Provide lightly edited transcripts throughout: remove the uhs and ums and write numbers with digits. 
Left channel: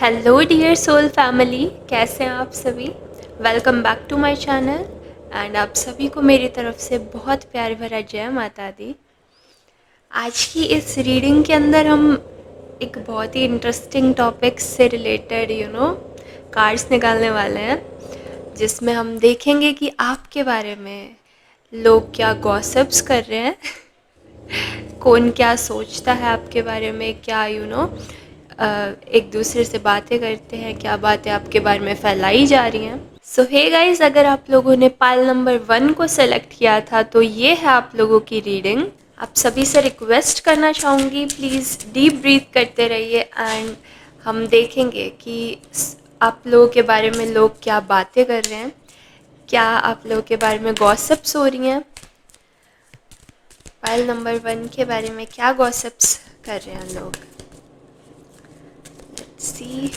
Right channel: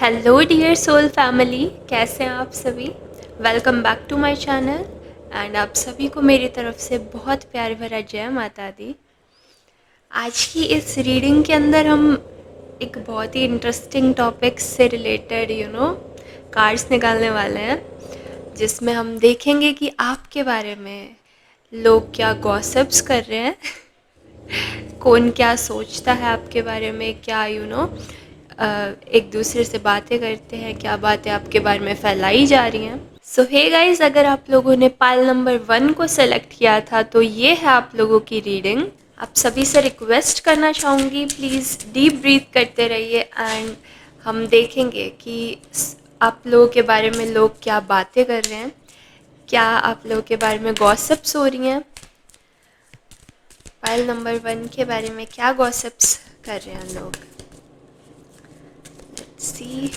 Hello dear soul family, कैसे हैं आप सभी। Welcome back to my channel and आप सभी को मेरी तरफ से बहुत प्यार भरा जय माता दी। आज की इस रीडिंग के अंदर हम एक बहुत ही इंटरेस्टिंग टॉपिक से रिलेटेड कार्ड्स निकालने वाले हैं, जिसमें हम देखेंगे कि आपके बारे में लोग क्या गॉसिप्स कर रहे हैं कौन क्या सोचता है आपके बारे में, क्या एक दूसरे से बातें करते हैं, क्या बातें आपके बारे में फैलाई जा रही हैं। सो हे गाइस, अगर आप लोगों ने पाइल नंबर 1 को सेलेक्ट किया था तो ये है आप लोगों की रीडिंग। आप सभी से रिक्वेस्ट करना चाहूँगी, प्लीज़ डीप ब्रीथ करते रहिए एंड हम देखेंगे कि आप लोगों के बारे में लोग क्या बातें कर रहे हैं, क्या आप लोगों के बारे में गॉसिप्स हो रही हैं, पाइल नंबर 1 के बारे में क्या गॉसिप्स कर रहे हैं लोग। सी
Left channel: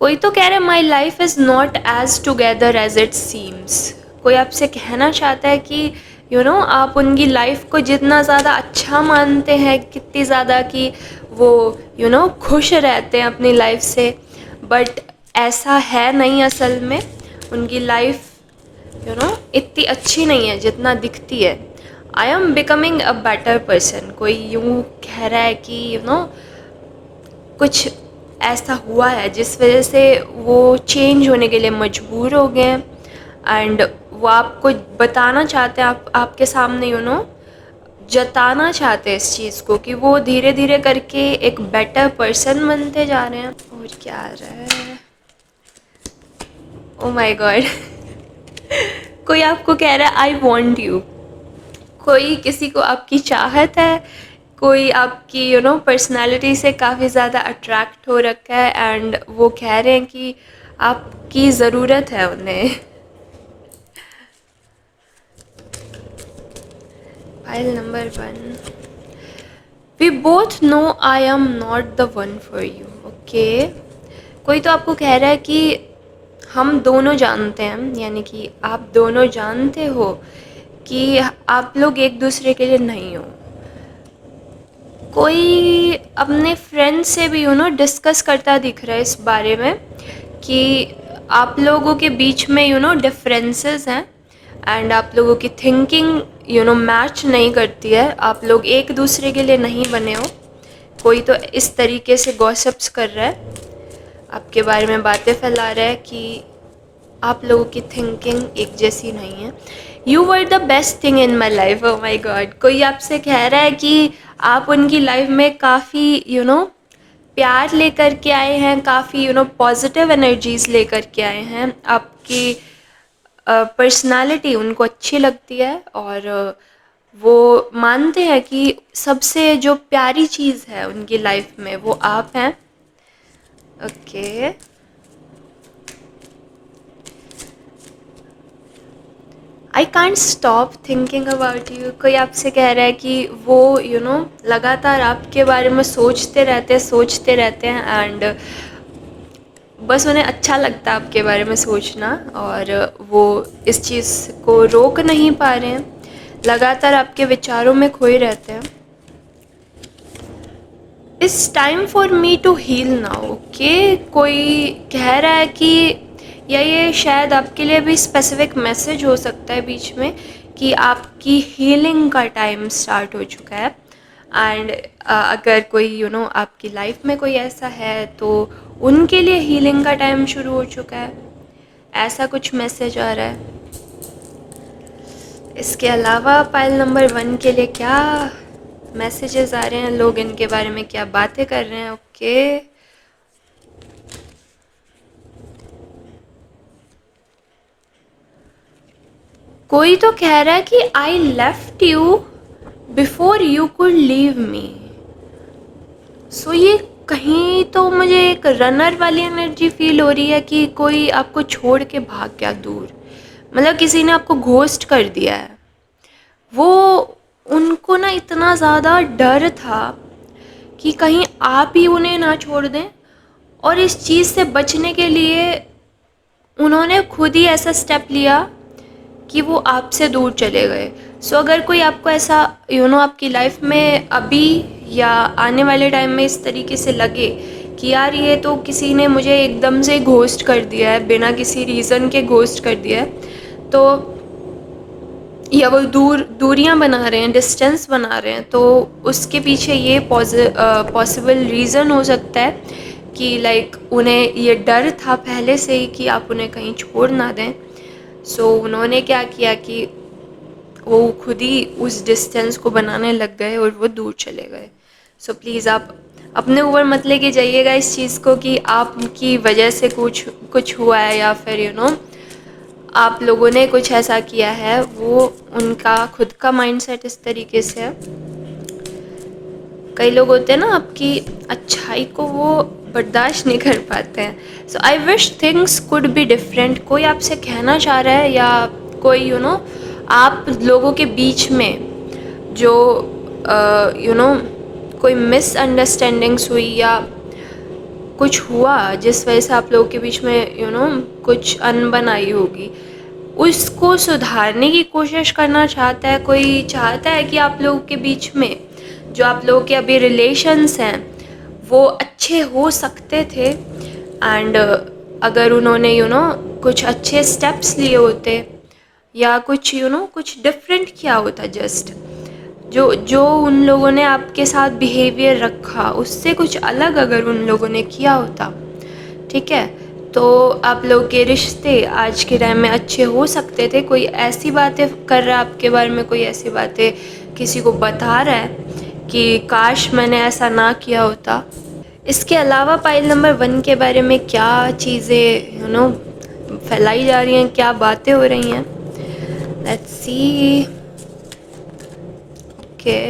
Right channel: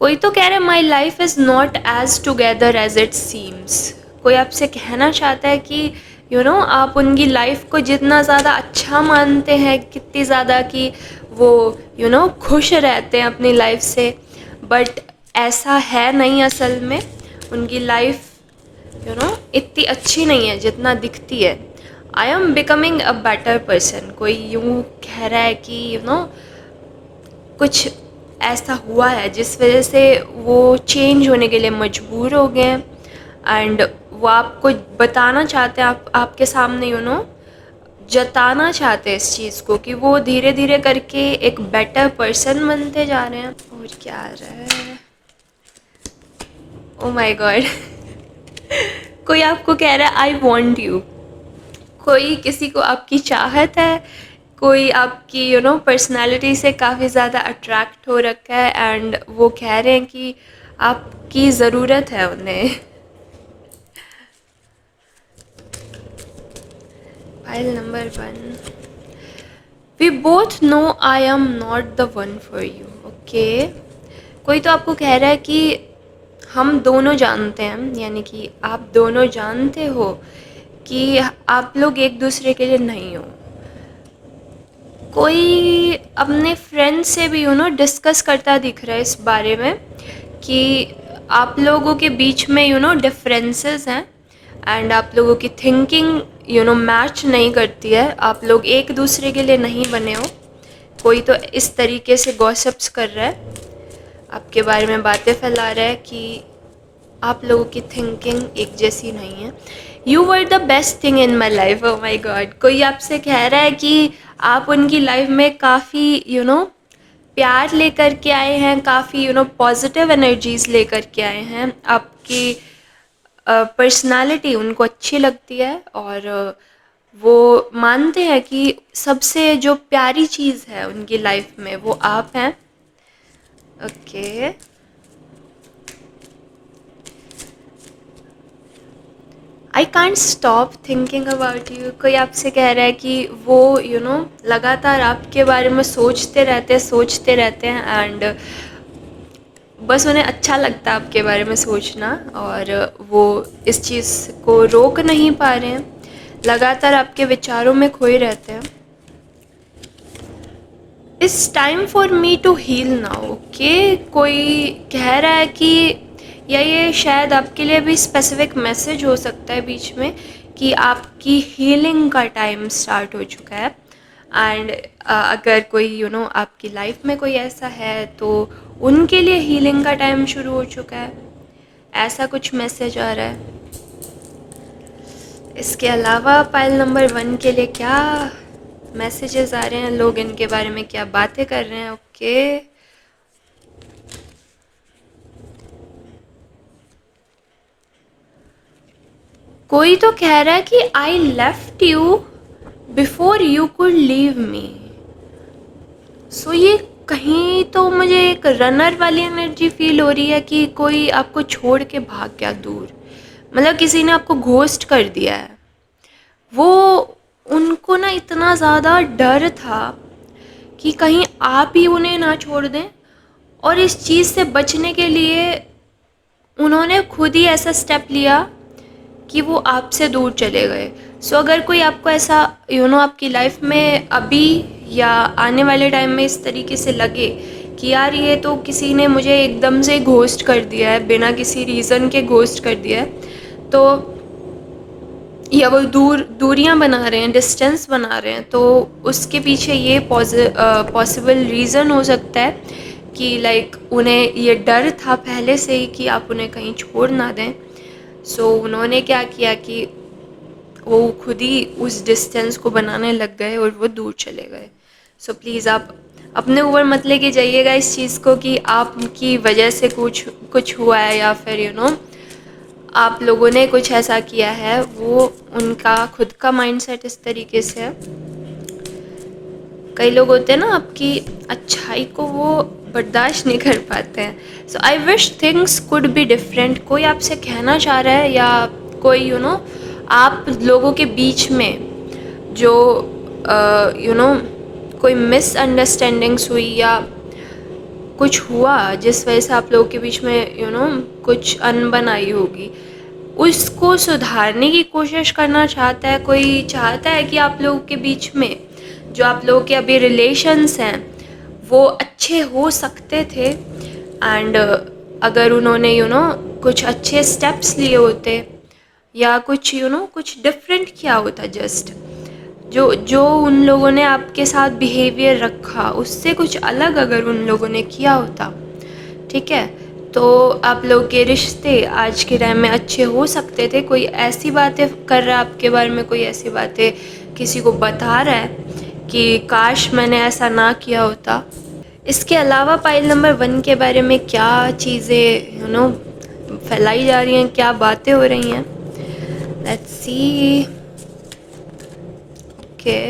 कोई तो कह रहा है my life is not as together as it seems. कोई आपसे कहना चाहता है कि आप उनकी लाइफ को जितना ज़्यादा अच्छा मानते हैं, कितनी ज़्यादा कि वो खुश रहते हैं अपनी लाइफ से, बट ऐसा है नहीं। असल में उनकी लाइफ इतनी अच्छी नहीं है जितना दिखती है। I am becoming a better person. कोई यूँ कह रहा है कि कुछ ऐसा हुआ है जिस वजह से वो चेंज होने के लिए मजबूर हो गए हैं एंड वो आपको बताना चाहते हैं, आपके सामने जताना चाहते हैं इस चीज़ को कि वो धीरे धीरे करके एक बेटर पर्सन बनते जा रहे हैं। और क्या आ रहा है, ओ माय गॉड कोई आपको कह रहा है आई वॉन्ट यू। कोई किसी को आपकी चाहत है, कोई आपकी पर्सनालिटी से काफ़ी ज़्यादा अट्रैक्ट हो रखा है एंड वो कह रहे हैं कि आपकी ज़रूरत है उन्हें। File number 1, we both know I am not the one for you. Okay, कोई तो आपको कह रहा है कि हम दोनों जानते हैं, यानी कि आप दोनों जानते हो कि आप लोग एक दूसरे के लिए नहीं हो। कोई अपने फ्रेंड से भी डिस्कस करता दिख रहा है इस बारे में कि आप लोगों के बीच में डिफरेंसेस हैं एंड आप लोगों की थिंकिंग मैच नहीं करती है, आप लोग एक दूसरे के लिए नहीं बने हो। कोई तो इस तरीके से गॉसिप्स कर रहा है, आपके बारे में बातें फैला रहा है कि आप लोगों की थिंकिंग एक जैसी नहीं है। You were the best thing in my life. Oh my God, कोई आपसे कह रहा है कि आप उनकी लाइफ में काफ़ी प्यार लेकर के आए हैं, काफ़ी पॉजिटिव एनर्जीज लेकर के आए हैं। आपकी पर्सनालिटी उनको अच्छी लगती है और वो मानते हैं कि सबसे जो प्यारी चीज़ है उनकी लाइफ में वो आप हैं। Okay, I can't stop thinking about you. कोई आपसे कह रहा है कि वो लगातार आपके बारे में सोचते रहते हैं एंड बस उन्हें अच्छा लगता है आपके बारे में सोचना और वो इस चीज़ को रोक नहीं पा रहे हैं, लगातार आपके विचारों में खोए रहते हैं। It's time for me to heal now. Okay, कोई कह रहा है कि या ये शायद आपके लिए भी स्पेसिफिक मैसेज हो सकता है बीच में कि आपकी हीलिंग का टाइम स्टार्ट हो चुका है एंड अगर कोई आपकी लाइफ में कोई ऐसा है तो उनके लिए हीलिंग का टाइम शुरू हो चुका है, ऐसा कुछ मैसेज आ रहा है। इसके अलावा पाइल नंबर 1 के लिए क्या मैसेजेस आ रहे हैं, लोग इनके बारे में क्या बातें कर रहे हैं। ओके, कोई तो कह रहा है कि I left you before you could leave me. So ये कहीं तो मुझे एक रनर वाली एनर्जी फील हो रही है कि कोई आपको छोड़ के भाग गया दूर, मतलब किसी ने आपको घोस्ट कर दिया है। वो उनको ना इतना ज़्यादा डर था कि कहीं आप ही उन्हें ना छोड़ दें और इस चीज़ से बचने के लिए उन्होंने खुद ही ऐसा स्टेप लिया कि वो आपसे दूर चले गए। सो अगर कोई आपको ऐसा आपकी लाइफ में अभी या आने वाले टाइम में इस तरीके से लगे कि यार ये तो किसी ने मुझे एकदम से घोस्ट कर दिया है, बिना किसी रीज़न के घोस्ट कर दिया है, तो या वो दूरियां बना रहे हैं, डिस्टेंस बना रहे हैं, तो उसके पीछे ये पॉसिबल रीज़न हो सकता है कि लाइक उन्हें ये डर था पहले से ही कि आप उन्हें कहीं छोड़ ना दें। सो उन्होंने क्या किया कि वो खुद ही उस डिस्टेंस को बनाने लग गए और वो दूर चले गए। सो प्लीज़ आप अपने ऊपर मत लेके जाइएगा इस चीज़ को कि आपकी वजह से कुछ हुआ है या फिर आप लोगों ने कुछ ऐसा किया है। वो उनका खुद का माइंडसेट इस तरीके से है। कई लोग होते हैं ना, आपकी अच्छाई को वो बर्दाश्त नहीं कर पाते हैं। So I wish things could be different. कोई आपसे कहना चाह रहा है या कोई आप लोगों के बीच में जो कोई मिसअंडरस्टैंडिंग्स हुई या कुछ हुआ जिस वजह से आप लोगों के बीच में कुछ अनबन आई होगी, उसको सुधारने की कोशिश करना चाहता है। कोई चाहता है कि आप लोगों के बीच में जो आप लोगों के अभी रिलेशंस हैं वो अच्छे हो सकते थे। एंड अगर उन्होंने कुछ अच्छे स्टेप्स लिए होते या कुछ कुछ डिफरेंट किया होता, जस्ट जो जो उन लोगों ने आपके साथ बिहेवियर रखा उससे कुछ अलग अगर उन लोगों ने किया होता, ठीक है, तो आप लोग के रिश्ते आज के टाइम में अच्छे हो सकते थे। कोई ऐसी बातें कर रहा है आपके बारे में, कोई ऐसी बातें किसी को बता रहा है कि काश मैंने ऐसा ना किया होता। इसके अलावा पाइल नंबर 1 के बारे में क्या चीज़ें फैलाई जा रही हैं, क्या बातें हो रही हैं, let's see. Okay,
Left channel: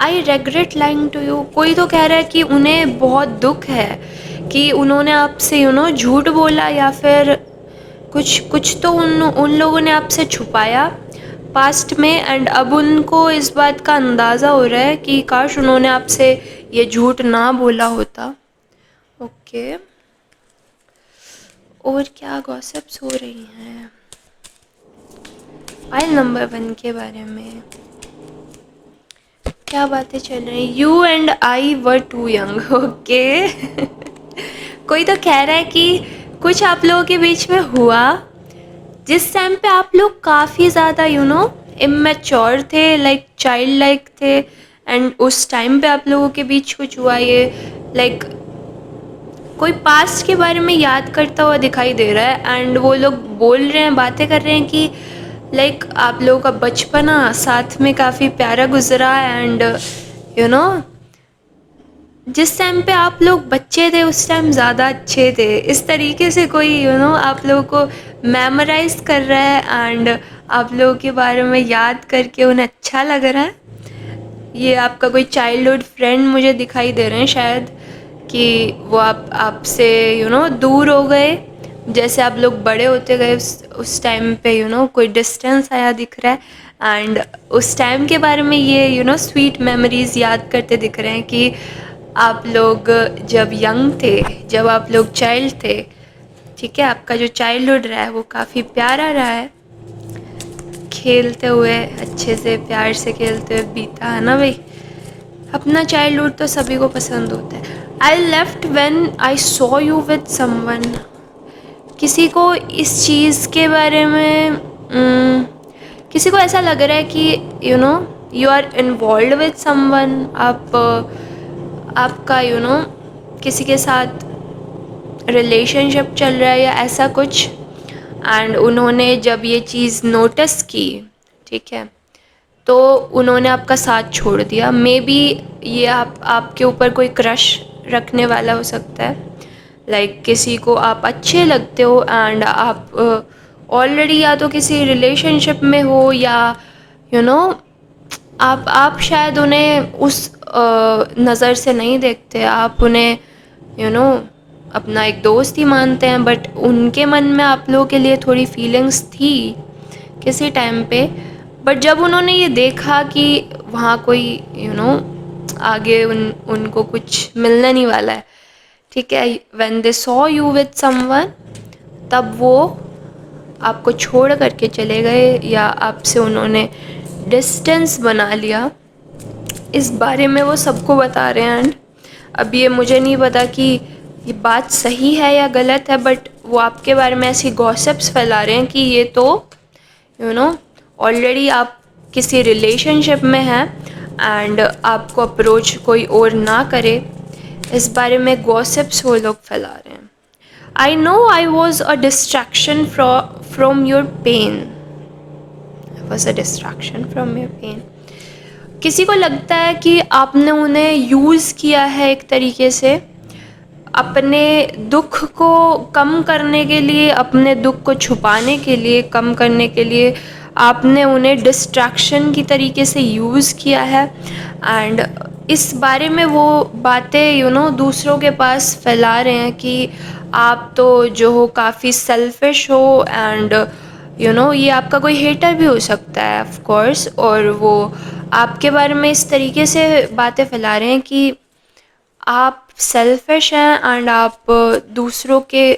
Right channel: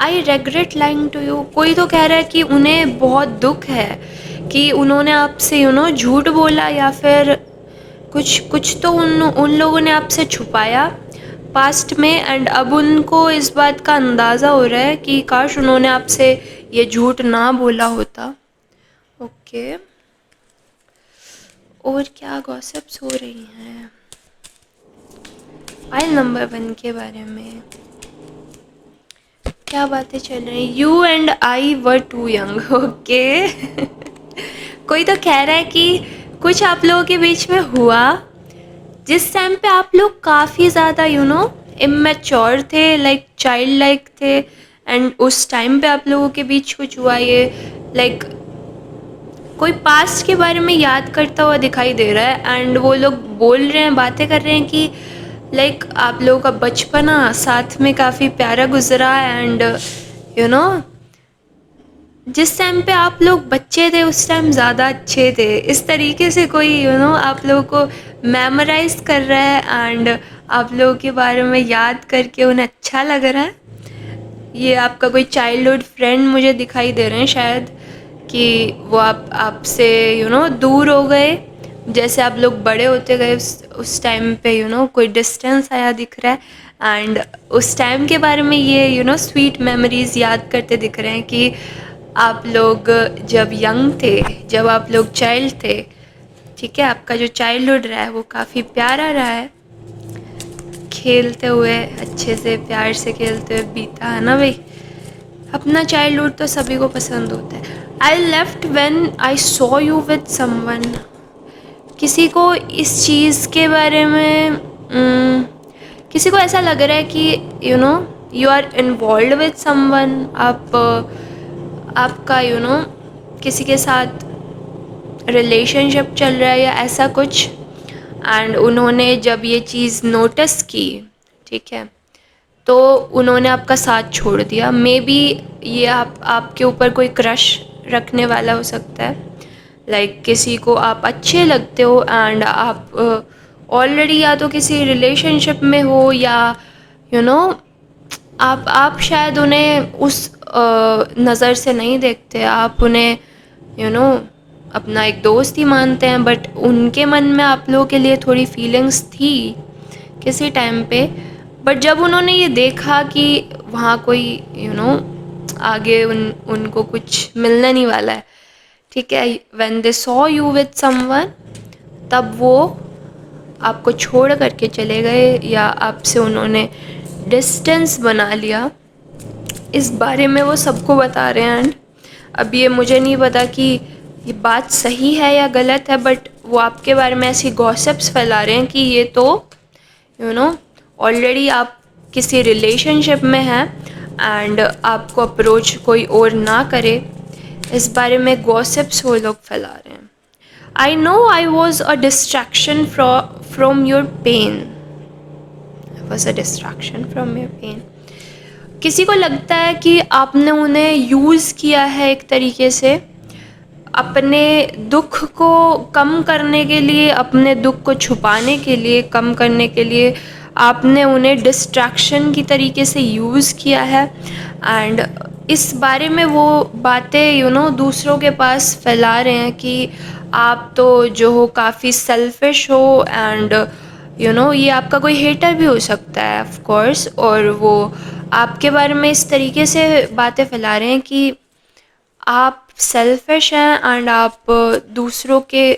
I regret lying to you. कोई तो कह रहा है कि उन्हें बहुत दुख है कि उन्होंने आपसे झूठ बोला या फिर कुछ तो उन लोगों ने आपसे छुपाया पास्ट में। एंड अब उनको इस बात का अंदाज़ा हो रहा है कि काश उन्होंने आपसे ये झूठ ना बोला होता। ओके, और क्या गॉसिप्स हो रही हैं फाइल नंबर 1 के बारे में, क्या बातें चल रही हैं। You and I were too young. Okay, कोई तो कह रहा है कि कुछ आप लोगों के बीच में हुआ जिस टाइम पे आप लोग काफ़ी ज़्यादा इमेच्योर थे, लाइक चाइल्ड लाइक थे। एंड उस टाइम पे आप लोगों के बीच कुछ हुआ, ये लाइक कोई पास्ट के बारे में याद करता हुआ दिखाई दे रहा है। एंड वो लोग बोल रहे हैं, बातें कर रहे हैं कि लाइक आप लोगों का बचपना साथ में काफ़ी प्यारा गुजरा है। एंड जिस टाइम पे आप लोग बच्चे थे उस टाइम ज़्यादा अच्छे थे, इस तरीके से कोई आप लोगों को मेमोराइज कर रहा है एंड आप लोगों के बारे में याद करके उन्हें अच्छा लग रहा है। ये आपका कोई चाइल्डहुड फ्रेंड मुझे दिखाई दे रहे हैं शायद, कि वो आपसे दूर हो गए। जैसे आप लोग बड़े होते गए उस टाइम पे कोई डिस्टेंस आया दिख रहा है। एंड उस टाइम के बारे में ये स्वीट मेमोरीज याद करते दिख रहे हैं कि आप लोग जब यंग थे, जब आप लोग चाइल्ड थे, ठीक है, आपका जो चाइल्डहुड रहा है वो काफ़ी प्यारा रहा है। खेलते हुए अच्छे से प्यार से खेलते हुए बीता है ना भाई। अपना चाइल्डहुड तो सभी को पसंद होता है। I left when I saw you with someone. किसी को इस चीज़ के बारे में किसी को ऐसा लग रहा है कि you are involved with someone. आपका किसी के साथ रिलेशनशिप चल रहा है या ऐसा कुछ। एंड उन्होंने जब ये चीज़ नोटिस की, ठीक है, तो उन्होंने आपका साथ छोड़ दिया। मे बी ये आपके ऊपर कोई क्रश रखने वाला हो सकता है। लाइक किसी को आप अच्छे लगते हो एंड आप ऑलरेडी या तो किसी रिलेशनशिप में हो या आप शायद उन्हें उस नज़र से नहीं देखते। आप उन्हें अपना एक दोस्त ही मानते हैं, बट उनके मन में आप लोगों के लिए थोड़ी फीलिंग्स थी किसी टाइम पे। बट जब उन्होंने ये देखा कि वहाँ कोई आगे उनको कुछ मिलने नहीं वाला है, ठीक है, when they saw you with someone, तब वो आपको छोड़ करके चले गए या आपसे उन्होंने डिस्टेंस बना लिया, इस बारे में वो सबको बता रहे हैं। एंड अब ये मुझे नहीं पता कि ये बात सही है या गलत है, बट वो आपके बारे में ऐसी गॉसिप्स फैला रहे हैं कि ये तो ऑलरेडी आप किसी रिलेशनशिप में हैं एंड आपको अप्रोच कोई और ना करे, इस बारे में गॉसिप्स वो लोग फैला रहे हैं। I know I was a distraction from your pain, was a distraction from your pain. किसी को लगता है कि आपने उन्हें यूज़ किया है एक तरीके से अपने दुख को कम करने के लिए, अपने दुख को छुपाने के लिए, कम करने के लिए आपने उन्हें डिस्ट्रैक्शन की तरीके से यूज़ किया है। एंड इस बारे में वो बातें दूसरों के पास फैला रहे हैं कि आप तो जो हो काफ़ी सेल्फिश हो, एंड ये आपका कोई हेटर भी हो सकता है ऑफ कोर्स, और वो आपके बारे में इस तरीके से बातें फैला रहे हैं कि आप सेल्फिश हैं एंड आप दूसरों के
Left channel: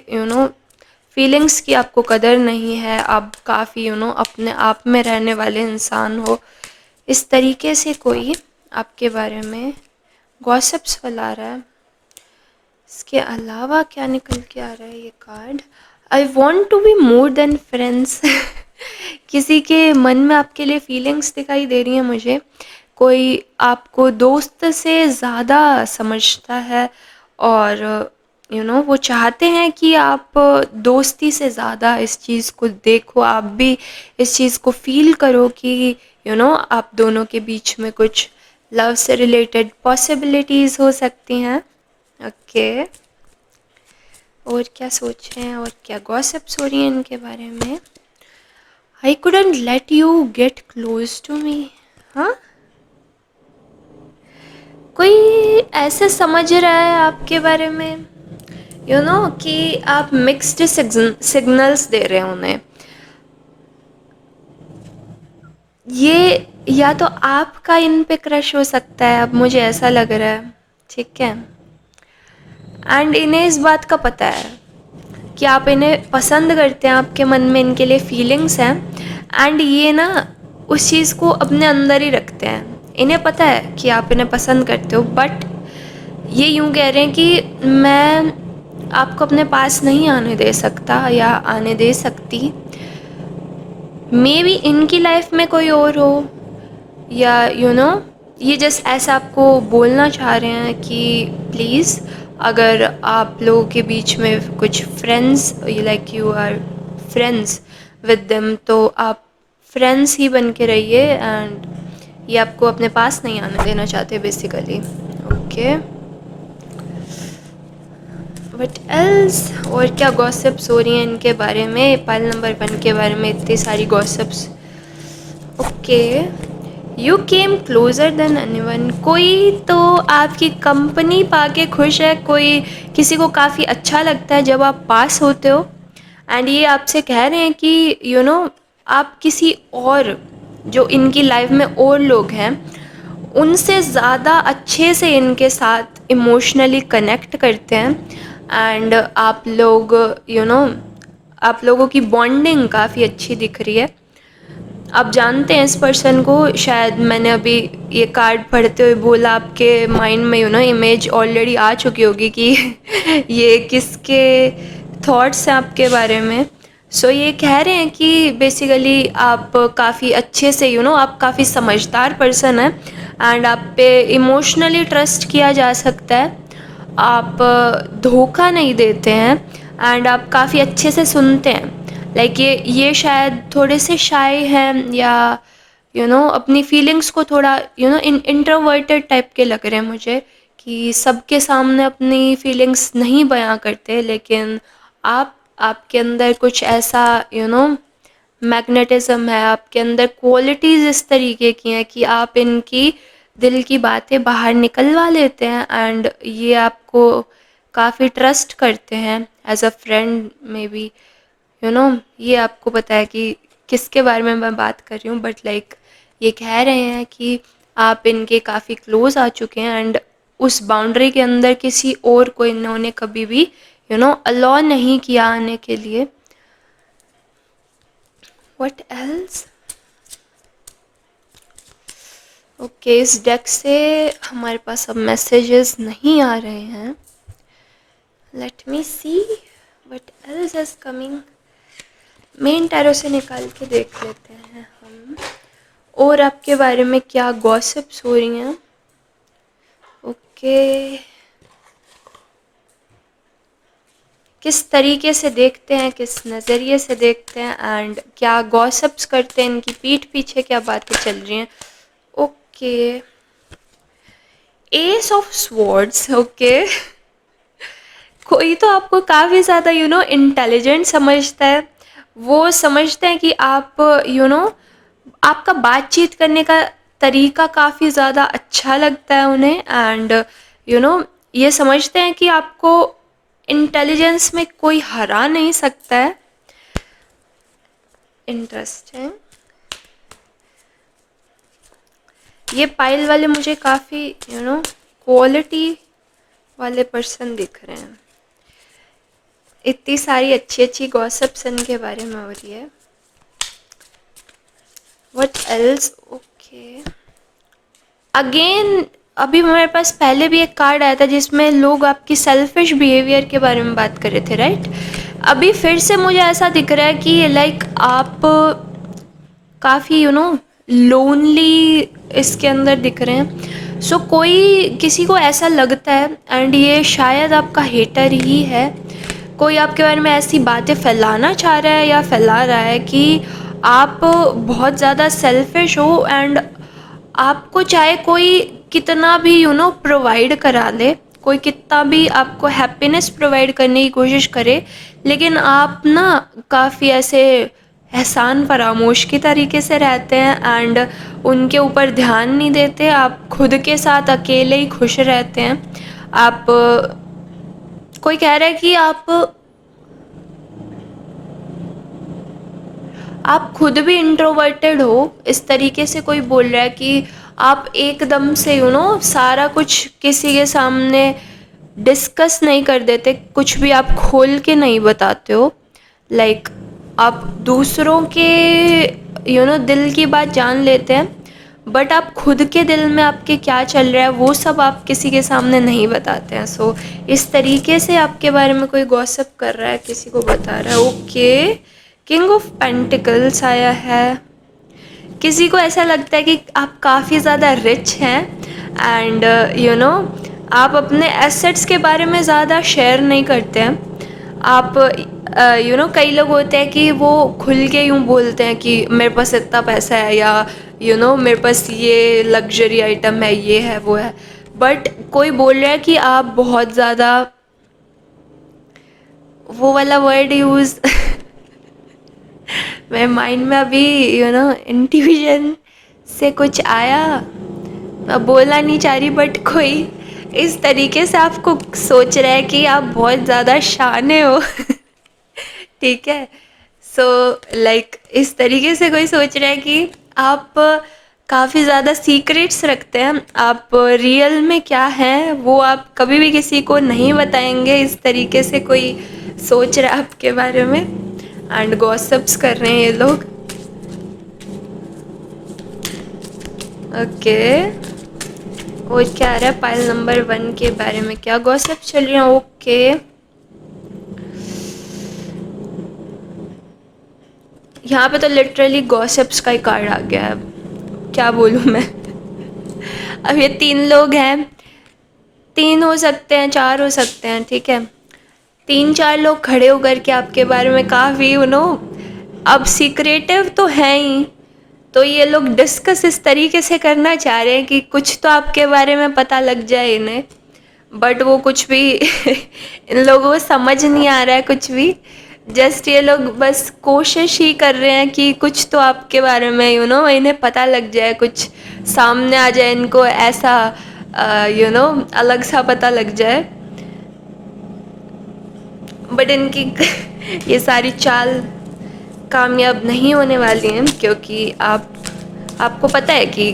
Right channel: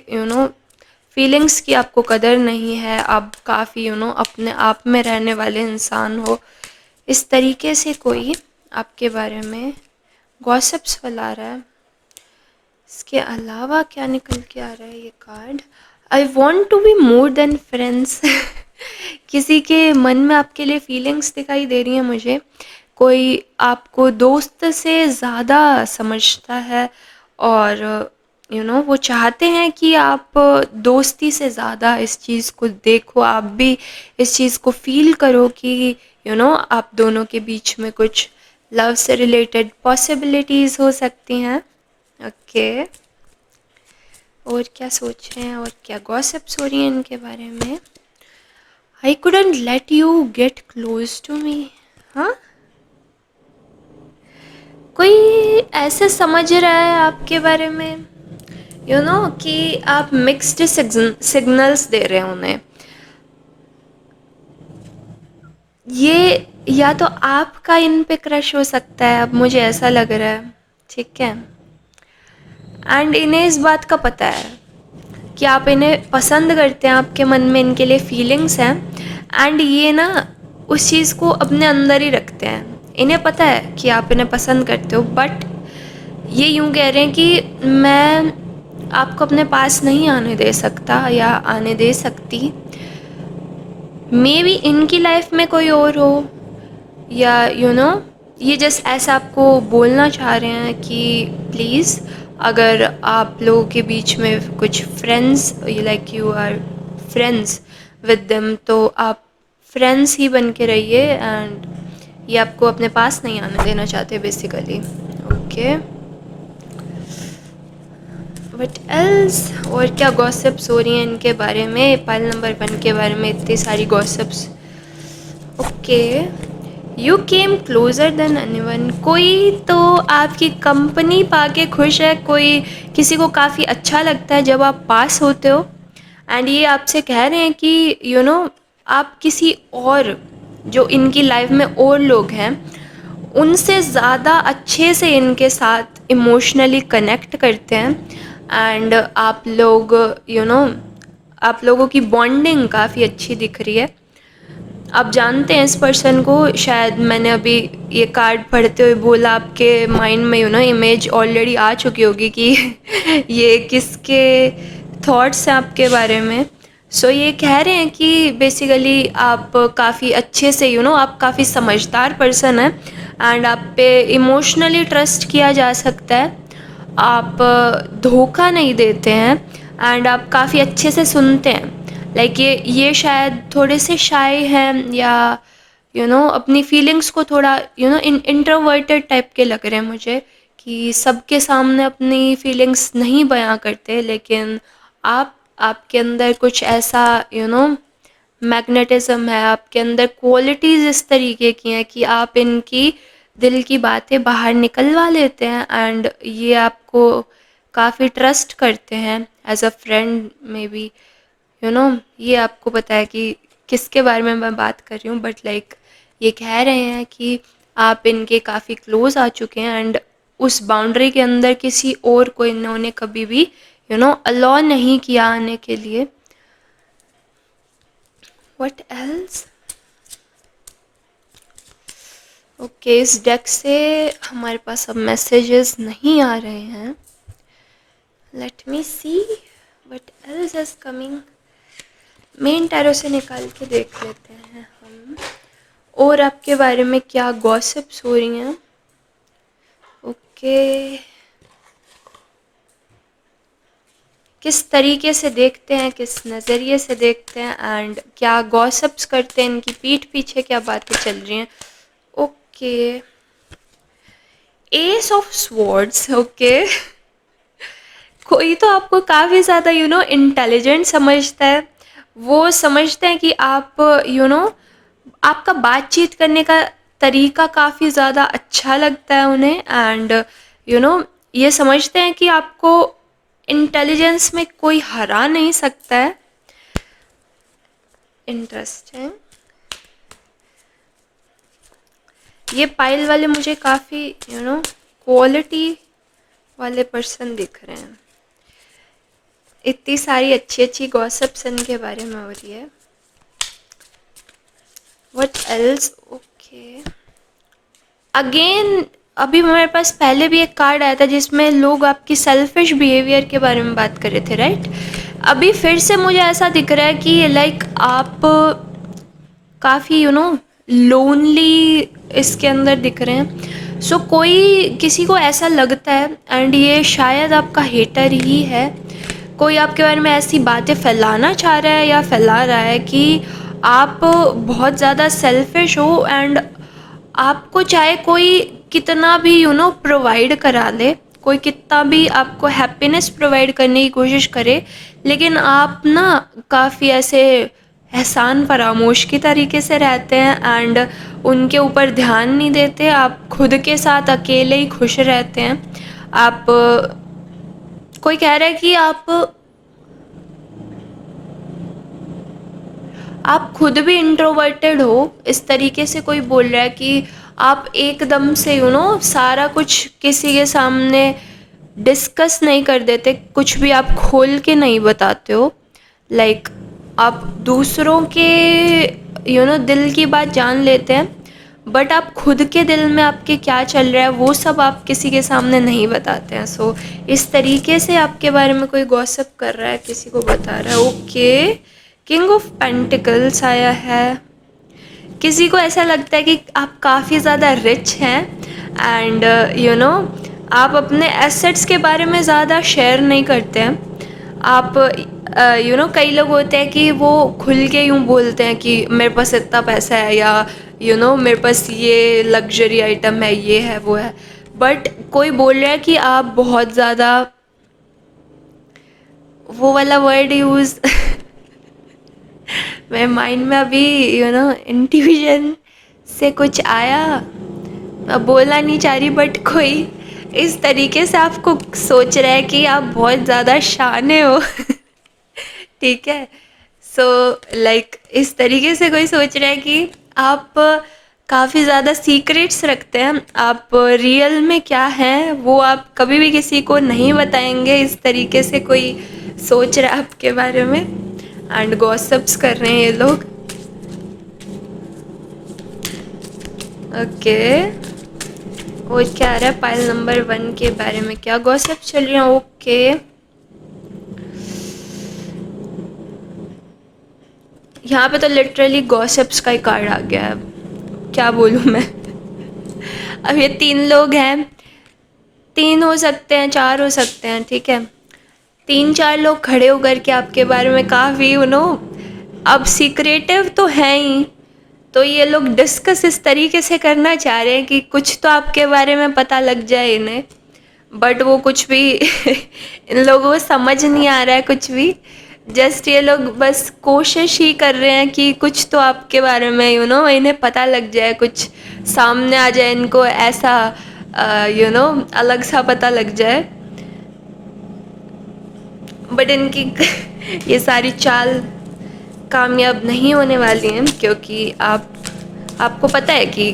फीलिंग्स की आपको कदर नहीं है, आप काफ़ी अपने आप में रहने वाले इंसान हो। इस तरीके से कोई आपके बारे में गॉसिप्स फैला रहा है। इसके अलावा क्या निकल के आ रहा है ये card, I want to be more than friends. किसी के मन में आपके लिए फीलिंग्स दिखाई दे रही हैं मुझे, कोई आपको दोस्त से ज़्यादा समझता है और वो चाहते हैं कि आप दोस्ती से ज़्यादा इस चीज़ को देखो, आप भी इस चीज़ को फील करो कि आप दोनों के बीच में कुछ लव से रिलेटेड पॉसिबिलिटीज़ हो सकती हैं। ओके, और क्या सोच रहे हैं और क्या गॉसिप्स हो रही हैं इनके बारे में। I couldn't let you get close to me. हाँ, कोई ऐसे समझ रहा है आपके बारे में कि आप मिक्स्ड सिग्नल्स दे रहे हैं उन्हें। ये या तो आपका इन पे क्रश हो सकता है, अब मुझे ऐसा लग रहा है, ठीक है। एंड इन्हें इस बात का पता है कि आप इन्हें पसंद करते हैं, आपके मन में इनके लिए फीलिंग्स हैं, एंड ये ना उस चीज़ को अपने अंदर ही रखते हैं। इन्हें पता है कि आप इन्हें पसंद करते हो, बट ये यूँ कह रहे हैं कि मैं आपको अपने पास नहीं आने दे सकता या आने दे सकती। मे बी इनकी लाइफ में कोई और हो, या ये जस्ट ऐसा आपको बोलना चाह रहे हैं कि प्लीज़ अगर आप लोगों के बीच में कुछ friends, like you are friends with them, तो आप फ्रेंड्स ही बन के रहिए, एंड ये आपको अपने पास नहीं आने देना चाहते बेसिकली। ओके, वट एल्स, और क्या गॉसिप्स हो रही हैं इनके बारे में, पाइल नंबर 1 के बारे में इतनी सारी gossips. Okay, you came closure than anyone, कोई तो आपकी कंपनी पाके खुश है, कोई किसी को काफ़ी अच्छा लगता है जब आप पास होते हो, एंड ये आपसे कह रहे हैं कि आप किसी और जो इनकी लाइफ में और लोग हैं उनसे ज़्यादा अच्छे से इनके साथ इमोशनली कनेक्ट करते हैं, एंड आप लोग आप लोगों की बॉन्डिंग काफ़ी अच्छी दिख रही है। आप जानते हैं इस पर्सन को, शायद मैंने अभी ये कार्ड पढ़ते हुए बोला, आपके माइंड में इमेज ऑलरेडी आ चुकी होगी कि ये किसके थॉट्स हैं आपके बारे में। सो ये कह रहे हैं कि बेसिकली आप काफ़ी अच्छे से आप काफ़ी समझदार पर्सन हैं, एंड आप पे इमोशनली ट्रस्ट किया जा सकता है, आप धोखा नहीं देते हैं, एंड आप काफ़ी अच्छे से सुनते हैं। लाइक ये शायद थोड़े से शाय हैं, या अपनी फीलिंग्स को थोड़ा इंट्रोवर्टेड टाइप के लग रहे हैं मुझे, कि सबके सामने अपनी फीलिंग्स नहीं बयां करते, लेकिन आपके अंदर कुछ ऐसा मैग्नेटिज्म है, आपके अंदर क्वालिटीज़ इस तरीके की हैं कि आप इनकी दिल की बातें बाहर निकलवा लेते हैं, एंड ये आपको काफ़ी ट्रस्ट करते हैं एज अ फ्रेंड में भी। ये आपको पता है कि किसके बारे में मैं बात कर रही हूँ, बट लाइक ये कह रहे हैं कि आप इनके काफ़ी क्लोज आ चुके हैं, एंड उस बाउंड्री के अंदर किसी और को इन्होंने कभी भी अलाउ नहीं किया आने के लिए। व्हाट एल्स, ओके, इस डेक से हमारे पास अब मैसेजेस नहीं आ रहे हैं. Let me see what else is coming. Main tarot से निकाल के देख लेते हैं हम, और आपके बारे में क्या गॉसिप्स हो रही हैं. ओके, किस तरीके से देखते हैं, किस नज़रिए से देखते हैं, एंड क्या गॉसिप्स करते हैं, इनकी पीठ पीछे क्या बातें चल रही हैं. Okay, S of swords. Okay, कोई तो आपको काफ़ी ज़्यादा इंटेलिजेंट समझता है. वो समझते हैं कि आप आपका बातचीत करने का तरीका काफ़ी ज़्यादा अच्छा लगता है उन्हें, एंड ये समझते हैं कि आपको इंटेलिजेंस में कोई हरा नहीं सकता है. इंटरेस्टिंग. ये पाइल वाले मुझे काफ़ी क्वालिटी वाले पर्सन दिख रहे हैं. इतनी सारी अच्छी अच्छी गॉसिप्स इनके बारे में हो रही है. What else. ओके, अगेन अभी मेरे पास पहले भी एक कार्ड आया था जिसमें लोग आपकी सेल्फिश बिहेवियर के बारे में बात कर रहे थे, राइट. अभी फिर से मुझे ऐसा दिख रहा है कि लाइक आप काफ़ी लोनली इसके अंदर दिख रहे हैं. सो कोई किसी को ऐसा लगता है, एंड ये शायद आपका हेटर ही है. कोई आपके बारे में ऐसी बातें फैलाना चाह रहा है या फैला रहा है कि आप बहुत ज़्यादा सेल्फिश हो, एंड आपको चाहे कोई कितना भी प्रोवाइड करा दे, कोई कितना भी आपको हैप्पीनेस प्रोवाइड करने की कोशिश करे, लेकिन आप ना काफ़ी ऐसे एहसान फरामोश की तरीके से रहते हैं, एंड उनके ऊपर ध्यान नहीं देते. आप खुद के साथ अकेले ही खुश रहते हैं. आप कोई कह रहा है कि आप खुद भी इंट्रोवर्टेड हो, इस तरीके से कोई बोल रहा है कि आप एकदम से सारा कुछ किसी के सामने डिस्कस नहीं कर देते, कुछ भी आप खोल के नहीं बताते हो. लाइक आप दूसरों के दिल की बात जान लेते हैं, बट आप खुद के दिल में आपके क्या चल रहा है वो सब आप किसी के सामने नहीं बताते हैं. सो इस तरीके से आपके बारे में कोई गॉसिप कर रहा है, किसी को बता रहा है. ओके, किंग ऑफ पेंटिकल्स आया है. किसी को ऐसा लगता है कि आप काफ़ी ज़्यादा रिच हैं, एंड आप अपने एसेट्स के बारे में ज़्यादा शेयर नहीं करते हैं. आप कई लोग होते हैं कि वो खुल के यूँ बोलते हैं कि मेरे पास इतना पैसा है, या मेरे पास ये लग्जरी आइटम है, ये है वो है. बट कोई बोल रहा है कि आप बहुत ज़्यादा, वो वाला वर्ड यूज़ मेरे माइंड में अभी इंट्यूजन से कुछ आया, मैं बोलना नहीं चाह रही, बट कोई इस तरीके से आपको सोच रहा है कि आप बहुत ज़्यादा शाने हो. ठीक है. सो लाइक इस तरीके से कोई सोच रहा है कि आप काफ़ी ज़्यादा सीक्रेट्स रखते हैं. आप रियल में क्या हैं वो आप कभी भी किसी को नहीं बताएंगे, इस तरीके से कोई सोच रहा है आपके बारे में, एंड गॉसिप्स कर रहे हैं ये लोग. ओके, और क्या आ रहा है पाइल नंबर 1 के बारे में, क्या गॉसिप चल रही है. ओके, यहाँ पे तो लिटरली गॉसिप्स का ही कार्ड आ गया है, क्या बोलूँ मैं. अब ये 3 लोग हैं, 3 हो सकते हैं, 4 हो सकते हैं, ठीक है. 3-4 लोग खड़े होकर के आपके बारे में काफ़ी अब सीक्रेटिव तो हैं ही, तो ये लोग डिस्कस इस तरीके से करना चाह रहे हैं कि कुछ तो आपके बारे में पता लग जाए इन्हें, बट वो कुछ भी इन लोगों को समझ नहीं आ रहा है कुछ भी. जस्ट ये लोग बस कोशिश ही कर रहे हैं कि कुछ तो आपके बारे में इन्हें पता लग जाए, कुछ सामने आ जाए इनको, ऐसा अलग सा पता लग जाए. बट इनकी ये सारी चाल कामयाब नहीं होने वाली हैं, क्योंकि आपको पता है कि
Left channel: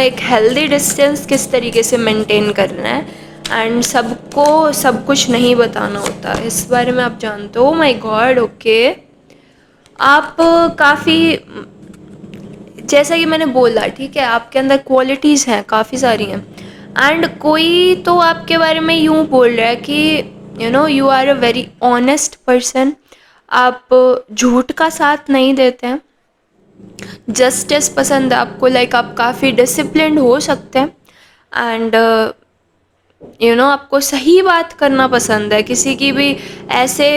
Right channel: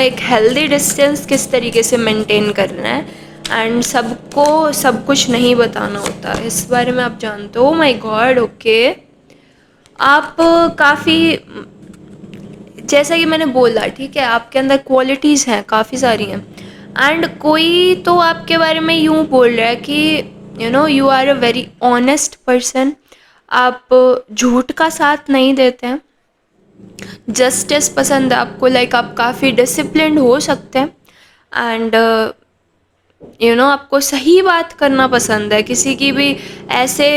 एक हेल्दी डिस्टेंस किस तरीके से मेंटेन करना है, एंड सबको सब कुछ नहीं बताना होता, इस बारे में आप जानते हो. My God. ओके, आप काफ़ी जैसा कि मैंने बोला, ठीक है, आपके अंदर क्वालिटीज़ हैं, काफ़ी सारी हैं, एंड कोई तो आपके बारे में यूँ बोल रहा है कि you are a very honest person, आप झूठ का साथ नहीं देते हैं, जस्टिस पसंद है आपको, लाइक आप काफ़ी डिसिप्लिन्ड हो सकते हैं, एंड आपको सही बात करना पसंद है, किसी की भी ऐसे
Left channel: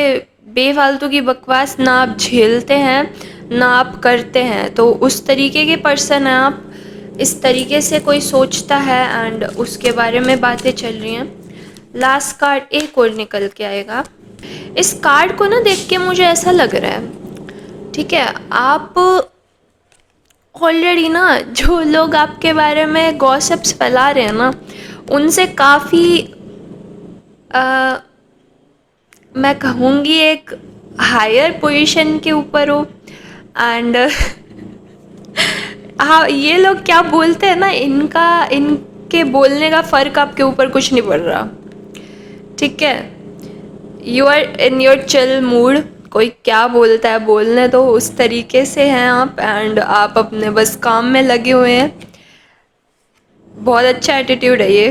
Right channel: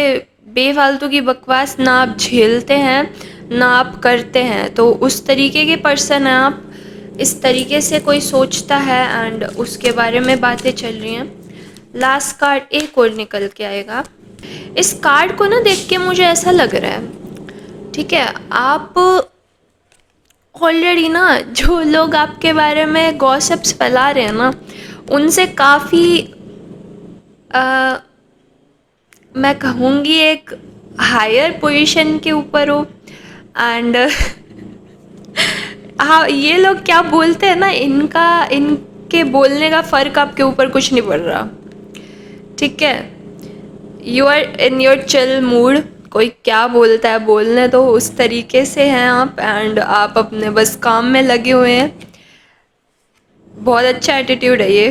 बेफालतू की बकवास ना आप झेलते हैं ना आप करते हैं, तो उस तरीके के पर्सन हैं आप। इस तरीके से कोई सोचता है एंड उसके बारे में बातें चल रही हैं। लास्ट कार्ड एक और निकल के आएगा। इस कार्ड को ना देख के मुझे ऐसा लग रहा है, ठीक है, आप ऑलरेडी ना, जो लोग आपके बारे में गॉसिप्स फैला रहे हैं ना, उनसे काफ़ी मैं कहूँगी एक हायर पोजीशन के ऊपर हो, एंड हाँ, ये लोग क्या बोलते हैं ना, इनके बोलने का फ़र्क आपके ऊपर कुछ नहीं पड़ रहा, ठीक है, you are in your chill mood, कोई क्या बोलता है बोलने, तो उस तरीके से हैं आप, एंड आप अपने बस काम में लगे हुए हैं। बहुत अच्छा एटीट्यूड है ये,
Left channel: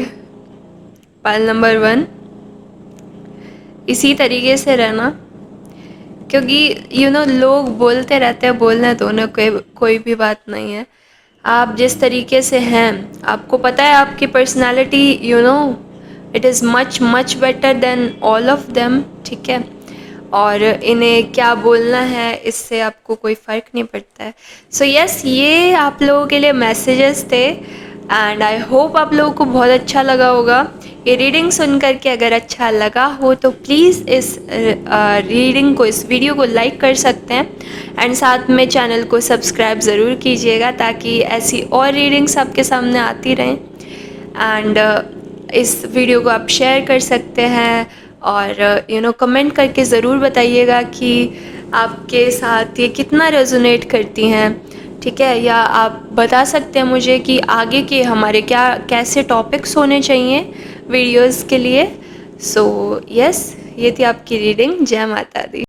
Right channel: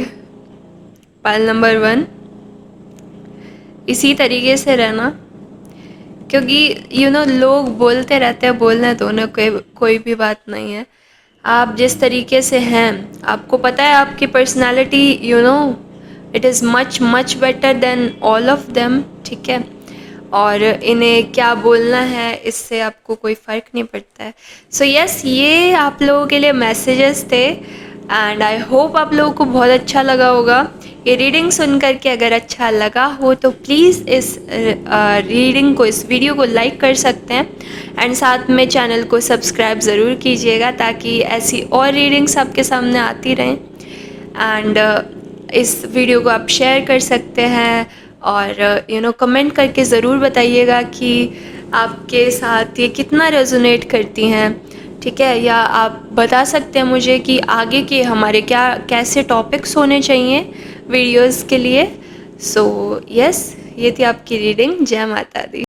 पाइल नंबर 1, इसी तरीके से रहना, क्योंकि लोग बोलते रहते हैं, बोलने तो उन्हें कोई भी बात नहीं है। आप जिस तरीके से हैं, आपको पता है आपकी personality, it is much much better than all of them, ठीक है, और इन्हें क्या बोलना है इससे आपको कोई फ़र्क नहीं पड़ता है। सो यस, ये आप लोगों के लिए मैसेजेस थे, एंड आई होप आप लोगों को बहुत अच्छा लगा होगा। ये रीडिंग सुन करके अगर अच्छा लगा हो तो प्लीज़ इस रीडिंग को, इस वीडियो को लाइक कर सकते हैं, एंड साथ में चैनल को सब्सक्राइब ज़रूर कीजिएगा ताकि ऐसी और रीडिंग्स आपके सामने आती रहें। एंड इस वीडियो को आप शेयर कर सकते हैं, और कमेंट करके ज़रूर बताइएगा कि आपके साथ ये कितना रेजोनेट करती हैं, ठीक है, या आप बता सकते हैं मुझे कि आगे के हमारे कैसे टॉपिक्स होने चाहिए वीडियोस के लिए। सो यस, ये थी आपकी रीडिंग। जय माता दी।